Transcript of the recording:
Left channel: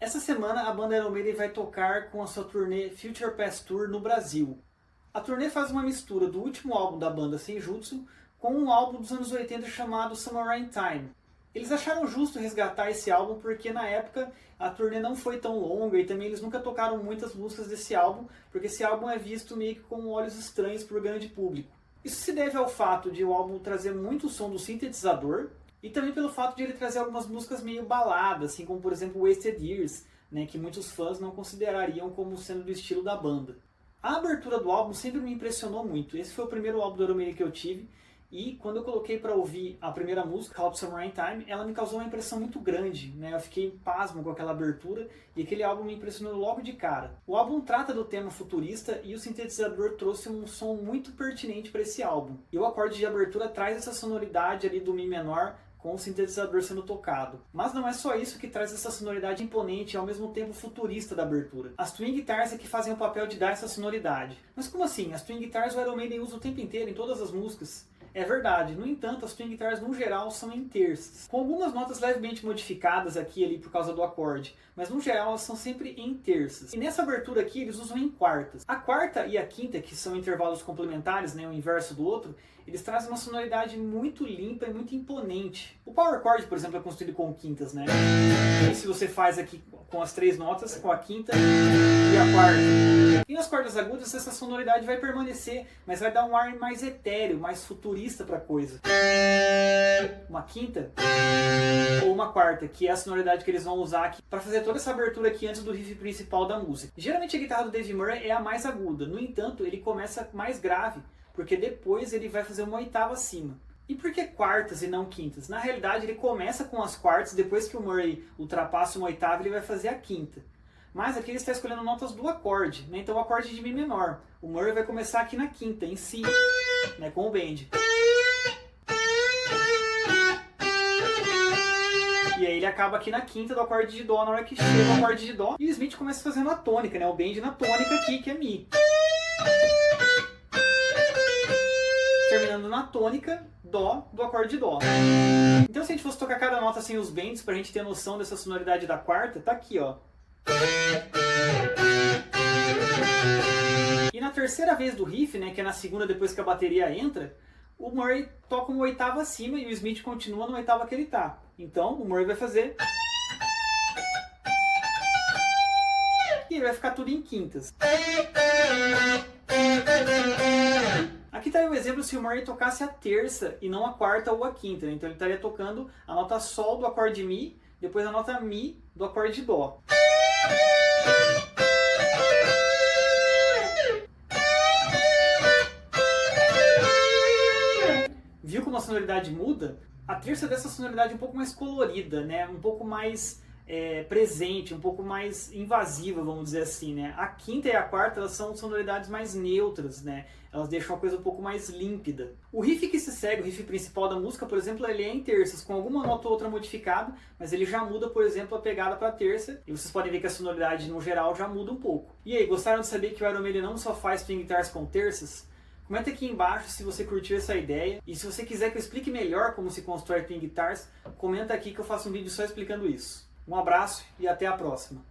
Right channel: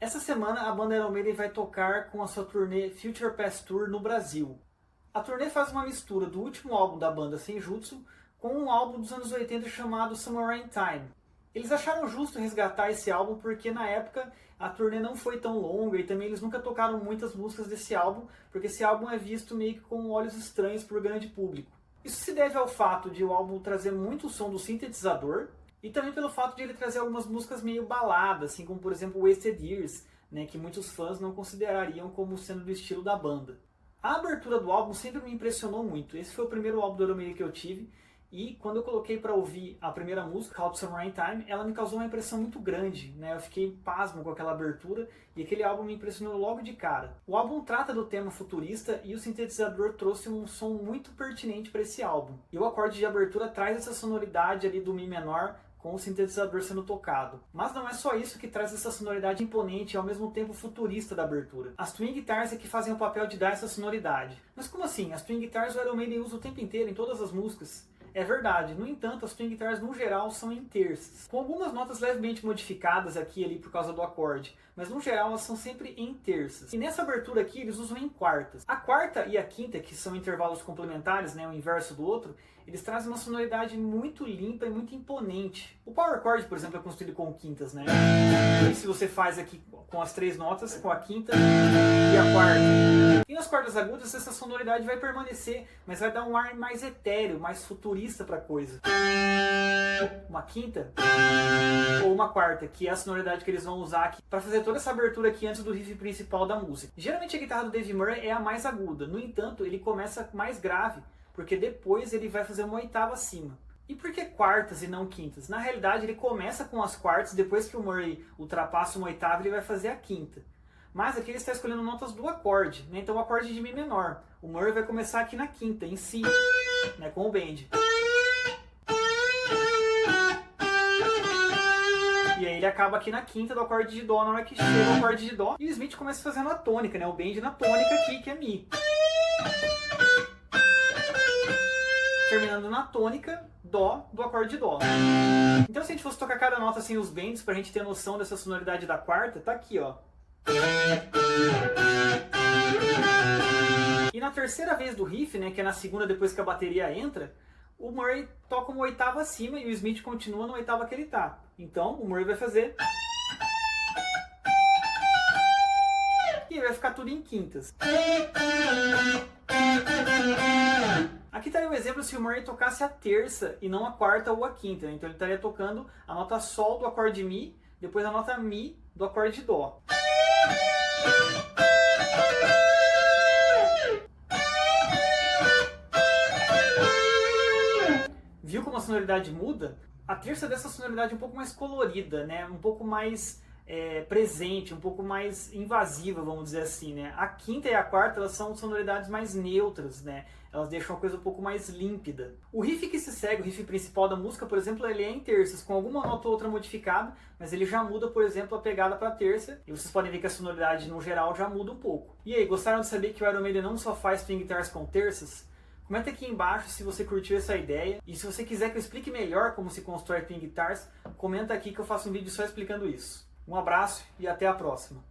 Essa semana a banda Iron Maiden vai tocar com a sua turnê Future Past Tour no Brasil. A turnê faz uma mistura do último álbum da banda Senjutsu com um álbum dos anos 80 chamado Summer Rain Time. Eles acharam justo resgatar esse álbum porque na época a turnê não foi tão longa e também eles nunca tocaram muitas músicas desse álbum, porque esse álbum é visto meio que com olhos estranhos por grande público. Isso se deve ao fato de o álbum trazer muito som do sintetizador, e também pelo fato de ele trazer algumas músicas meio baladas, assim como por exemplo Wasted Years, né, que muitos fãs não considerariam como sendo do estilo da banda. A abertura do álbum sempre me impressionou muito. Esse foi o primeiro álbum do Iron Maiden que eu tive, e quando eu coloquei para ouvir a primeira música, How to Summer Rain Time, ela me causou uma impressão muito grande, né? Eu fiquei pasmo com aquela abertura e aquele álbum me impressionou logo de cara. O álbum trata do tema futurista e o sintetizador trouxe um som muito pertinente para esse álbum. E o acorde de abertura traz essa sonoridade ali do Mi menor, com o sintetizador sendo tocado. Mas não é só isso que traz essa sonoridade imponente e ao mesmo tempo futurista da abertura. As Twin Guitars é que fazem o papel de dar essa sonoridade. Mas como assim? As Twin Guitars o Iron Maiden usa o tempo inteiro em todas as músicas? É verdade, no entanto, as Twin Guitars no geral são em terças, com algumas notas levemente modificadas aqui e ali por causa do acorde, mas no geral elas são sempre em terças. E nessa abertura aqui eles usam em quartas. A quarta e a quinta, que são intervalos complementares, né, o inverso do outro, eles trazem uma sonoridade muito limpa e muito imponente. O power chord, por exemplo, é construído com quintas, né? E se você faz aqui com as três notas, com a quinta e a quarta. E nas cordas agudas essa sonoridade vai permanecer, mas vai dar um ar mais etéreo, mais futurista para a coisa. Uma quinta ou uma quarta, que é a sonoridade que eles vão usar aqui para fazer toda essa abertura aqui antes do riff principal da música. Geralmente a guitarra do Dave Murray é a mais aguda, no entanto ele começa mais grave, porque depois ele vai fazer uma oitava acima. E por que quartas e não quintas? Na realidade ele começa com as quartas, depois que o Murray ultrapassa uma oitava ele vai fazer a quinta. Mas aqui ele está escolhendo notas do acorde, né? Então o acorde de Mi menor. O Murray vai começar aqui na quinta, em Si, né? Com o bend. E aí ele acaba aqui na quinta do acorde de Dó, na hora que chega o acorde de Dó. E o Smith começa fazendo a tônica, né? O bend na tônica aqui, que é Mi. Terminando na tônica, Dó, do acorde de Dó. Então se a gente fosse tocar cada nota assim, os bends, pra gente ter noção dessa sonoridade da quarta, tá aqui, ó. E na terceira vez do riff, né, que é na segunda depois que a bateria entra, o Murray toca uma oitava acima e o Smith continua na oitava que ele tá. Então o Murray vai fazer... E vai ficar tudo em quintas. Aqui está um exemplo se o Murray tocasse a terça e não a quarta ou a quinta. Né? Então ele estaria tocando a nota Sol do acorde Mi, depois a nota Mi do acorde de Dó. Viu como a sonoridade muda? A terça dessa sonoridade é um pouco mais colorida, né? Um pouco mais presente, um pouco mais invasiva, vamos dizer assim, né? A quinta e a quarta, elas são sonoridades mais neutras, né? Elas deixam a coisa um pouco mais límpida. O riff que se segue, o riff principal da música, por exemplo, ele é em terças, com alguma nota ou outra modificada, mas ele já muda, por exemplo, a pegada para terça, e vocês podem ver que a sonoridade, no geral, já muda um pouco. E aí, gostaram de saber que o Iron Maiden não só faz string guitars com terças? Comenta aqui embaixo se você curtiu essa ideia, e se você quiser que eu explique melhor como se constrói string guitars, comenta aqui que eu faço um vídeo só explicando isso. Um abraço e até a próxima!